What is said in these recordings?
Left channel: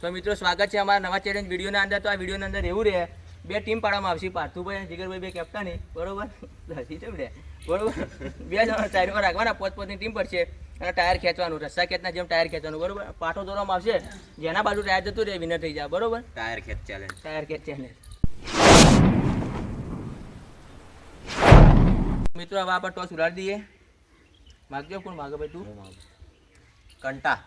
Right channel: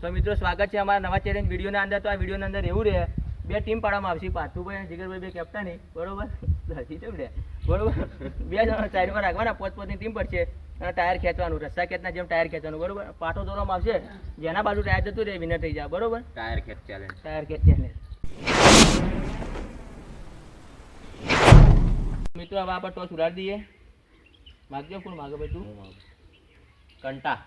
તો મિત્રો સ્વાગત છે અમારા નવા ચેલેન્જ વિડીયોના અંદર. તો આ વિડીયોના અંદર એવું રહે, બે ટીમ પાડવામાં આવશે, પાર્થુભાઈ અને જીગરભાઈ બે કેપ્ટન, બરોબર? બરોબર, બે જણા ટાયરમાં રાખવાના, પોતપોતની ટીમ પડશે અને ટાયર ખેંચવાનું, રસ્સા ખેંચના જેમ ટાયર ખેંચવાનું, બરોબર? પાટો દોરવામાં આવશે, જેના બાજુ ટાયર જતું રહે વિનર થઈ જાય, બરોબર? ટાયર ખેંચ ચેલેન્જ. મિત્રો હવે આપણે ટોસ ઉડાડી દઈએ. માગજો, કોણ માગે ભાઈ? તું. કંટા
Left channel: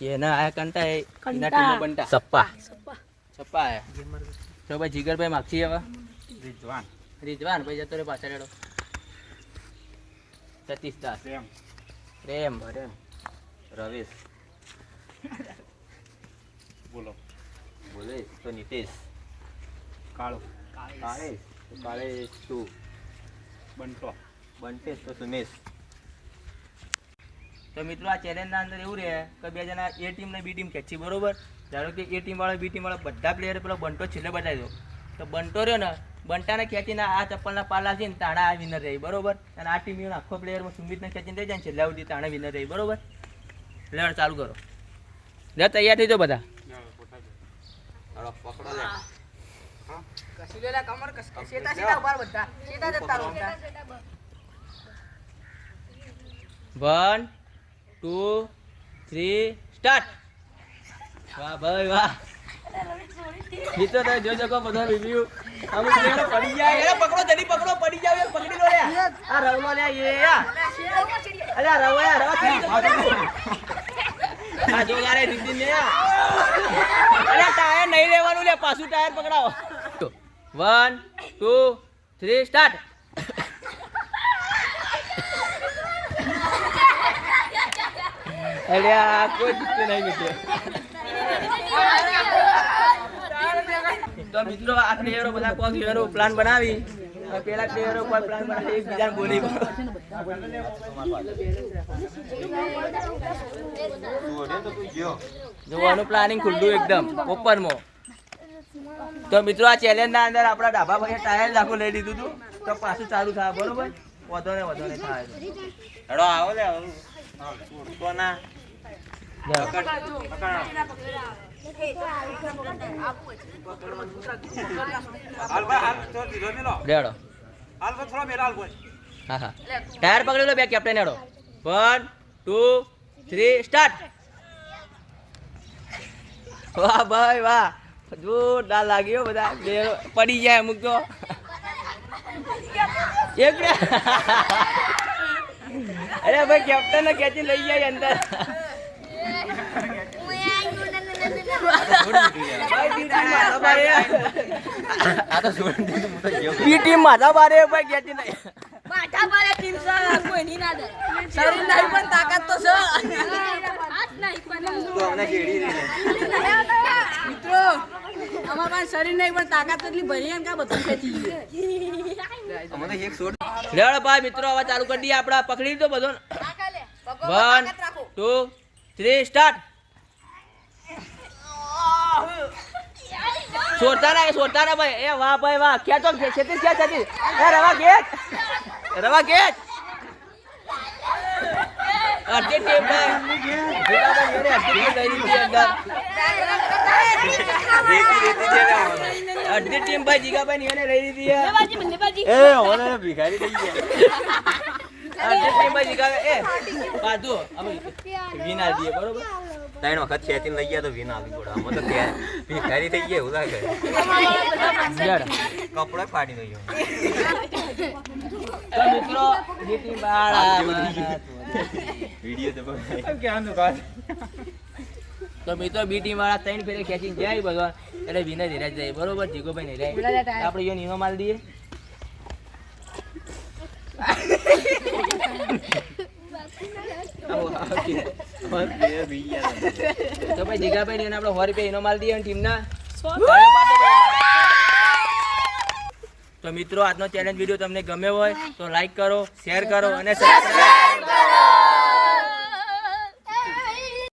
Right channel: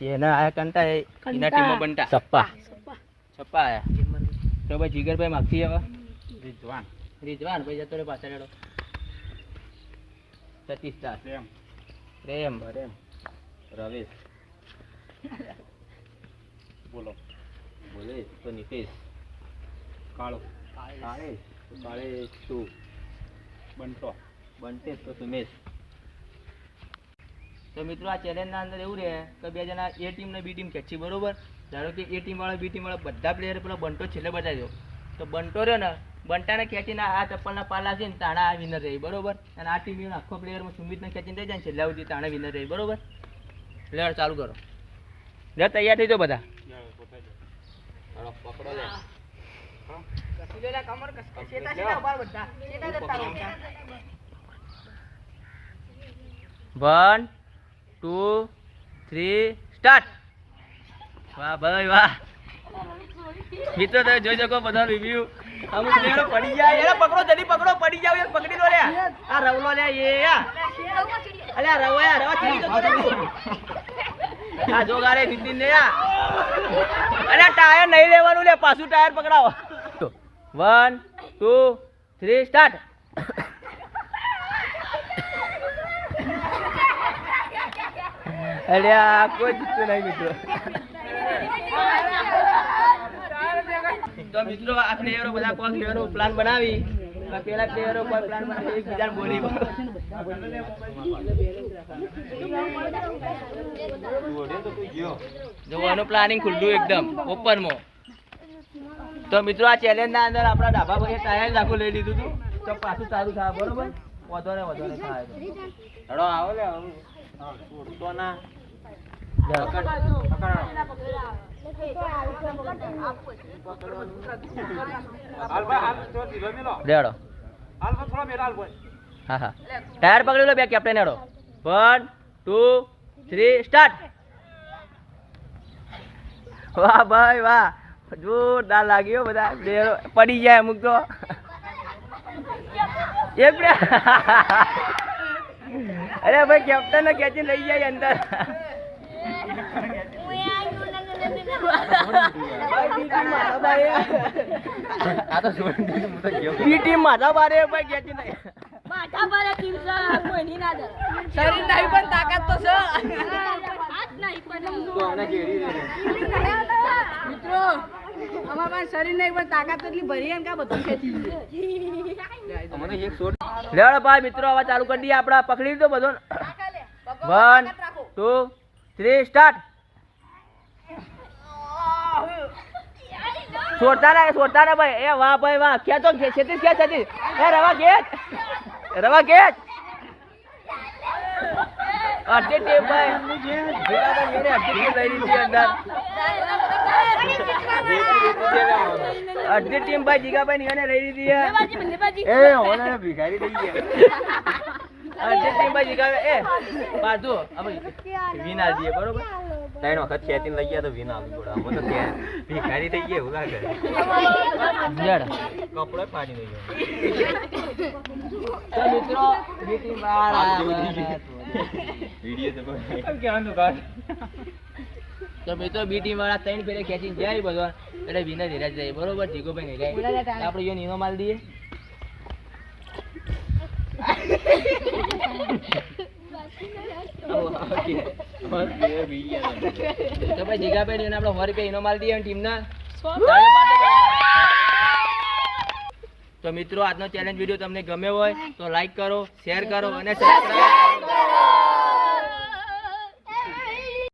જેના આયા કંટા એના ટીમમાં બંટા. સપ્પા આયા. તો ભાઈ જીગરભાઈ માગશી હવે. રિજવાન ભાઈ જતો રે પાછળ હેડો. સતીશ દાસ. પ્રેમ રવેશ. બોલો તો નિતેશ. કાળેશ તું. બંટેશ તો સુમેશ. તો મિત્રો આ ચેલેન્જના અંદર એવું રહે કે બે જણા એ ટીમ ને બી ટીમ ખેંચી, બરોબર? ધારો કે એ ટીમ વાળા બી ટીમ વાળા બધા પ્લેયર પેલો બંટો છેલ્લે બતાવી દો, તો બંટો રહ્યો ને બંટાને ખેંચીને આ ચપ્પલના પાલા છે ને તાણે આ વિનર રહી, બરોબર? અને આ ટીમ આખો પ્લેયરમાં સુમિતને ખેંચીને થઈ જાય ને છેલ્લા સુધી તાણે વિનર રહી, બરોબર? પ્લેયર ચાલુ કરો. લે તૈયાર થઈ જાઓ બધા. પકડો લે. One 2 3 start. વાહ ભાઈ વાહ. મિત્રો તમે જોઈ શકો બધા રિવ્યુ. અમુક પ્લેયરો પડી જાય. એ પકડો, જલ્દી પકડો, પડી જાવ. એક પકડી લો રે. આ રવલો લે એ. અલે આ રવા ચીડી તો પકડી. આ જોગારે દીદી ને આ. અલે ટાયર નહીં લેવાનું લે, પાછું ટાયર પકડાવો. 1 2 3 સ્ટાર્ટ. અરે આ કોઈ જીતતું નહીં મિત્રો. તો મિત્રો આ પ્લેયરો બધા કોઈ પ્લેયરો પ્લાન બનાવી, પેલા પ્લેયરો કોઈ પ્લાન બનાવી એકબીજાને બોલી જોવાનું પ્લાનિંગ ખુલ્લું એકદમ ઓપનમાં. તો મિત્રો આ ચેલેન્જ ના અંદર આપણા ડાબા ભાઈએ ટાયર આખું લઈ લીધું હતું, તો પાછું ચાલુ થાય, બરોબર? વધો ને થાય. હેડો આવો લે. કોના ટાયર પકડી લો બે કેપ્ટન. હેડો 1 2 3 સ્ટાર્ટ. વાહ ભાઈ વાહ, જોરદાર લાગ્યો. બધા પડી જાય અમુક તો. અરે ભાઈ કેપ્ટન ને ખેંચી લઈ જાય અંદર. આ તો બી ટીમ માથા બારે ભાઈ ખેંચી નહીં. માથા બારે ટીમ છે, કોઈની ના ડર. શરીર નહીં પણ તાકાત તો છે. હાથ નહીં પણ તો અમને કેડી દે મિત્રો, અમાર પાસે શરીર નહીં પણ તાકાત એટલી ભરી એમ કે બધું ખેંચી ગયું. અમને એક શોટ. લેડો ભાઈ મિત્રો હવે ચાલુ કરી દઈએ. આપડા પકડી લીધો બધો. 1 2 3 સ્ટાર્ટ. છોડતા ના ભાઈ. એ વાહ ભાઈ વાહ. ખેંચો છેતીસ ખેંચ. એ રવા ખેંચ. અડધી ટીમ ભાઈ અડધી ટીમ ભાઈ જીગાભાઈ ને લઈ લીધી. એ ઓને ભિખારી થઈ ગયા. અડધી ટીમ ભાઈ જીગાભાઈ. એ પાછું અમે વિના દઈએ, બરોબર? 3 વખત ખેંચીને લઈ ગયા તો વિના આવી પડે. અમે તો ત્યાં ભિખારી થઈ ગયા એવું લાગે. કપડો ફાડી દઈ ગયો. તો મિત્રો જીતી બાર વિડિયો તો તો મિત્રો બી ટીમ વાળા 3 ફેરે ખેંચીને જાય ભગવાન, એટલે વિનર હેરા જાય, બરોબર? જીગોભાઈ ને આપણે યો નીનો માલ દઈએ. તો ભાઈ જીગાભાઈ ને આપણે 100 રૂપિયા ઇનો માલ દઈએ ટીમના. તો મિત્રો આજનો ચેલેન્જ વિડીયો તમને ગમ્યો હોય તો લાઈક કરો, શેર કરો અને સબસ્ક્રાઇબ